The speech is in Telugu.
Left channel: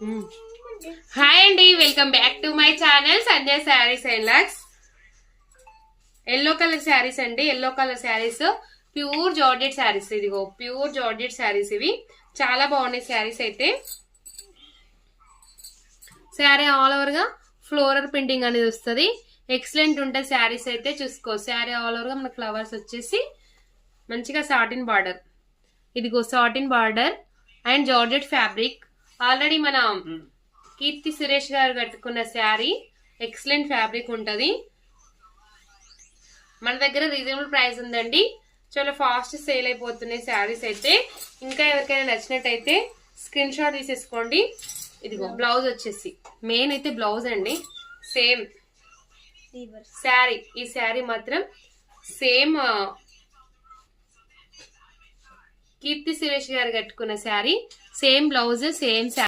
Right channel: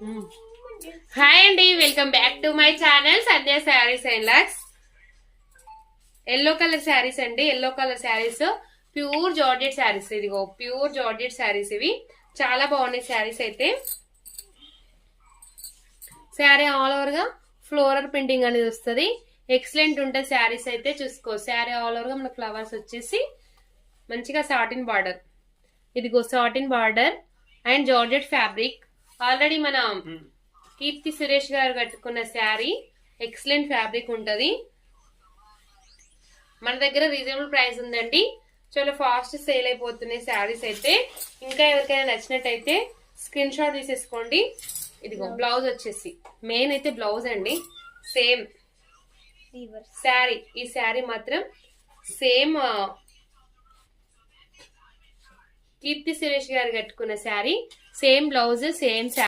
హాయ్ అండి, welcome back to my channel Sandhya saris and looks. Yellow colour saris అండి, yellow colour saris pure georgette saris. ఇదిగో ప్యూర్ జార్జెట్ శారీస్, ఇవి చాలా బాగున్నాయి శారీస్. అయితే శారీ ఆల్ ఓవర్ గా ఫ్లోరల్ ప్రింటింగ్ అనేది వస్తుంది. ఎక్సలెంట్ ఉంటుంది శారీస్ అయితే. చూసుకో, శారీ ఆల్ ఓవర్ గా మన ఫ్లవర్స్ వచ్చేసి మంచిగా సాటిన్ బార్డర్. ఇదిగో satin border and georgette fabric. Already మన కీర్తి సురేష్ గారు కట్టుకున్న శారీ. ఎక్సలెంట్ ఫ్యాబ్రిక్ ఉంటది. మన దగ్గర రీజనబుల్ ప్రైస్ ఉందండి. చాలా ఫాస్ట్ సేల్ అయిపోతున్నాయి శారీస్ అయితే. ఇంకా ఎవరికైనా నచ్చినట్టయితే స్క్రీన్ షాట్ తీసేసుకోండి. ఇదిగో బ్లౌజ్ వచ్చేసి మెయిన్ అయితే బ్లౌజ్ అండి. సేమ్ శారీ, ఈ శారీ మాత్రం సేమ్ కీర్తి సురేష్ గారు కట్టుకున్న sari. Same blouse, same sari.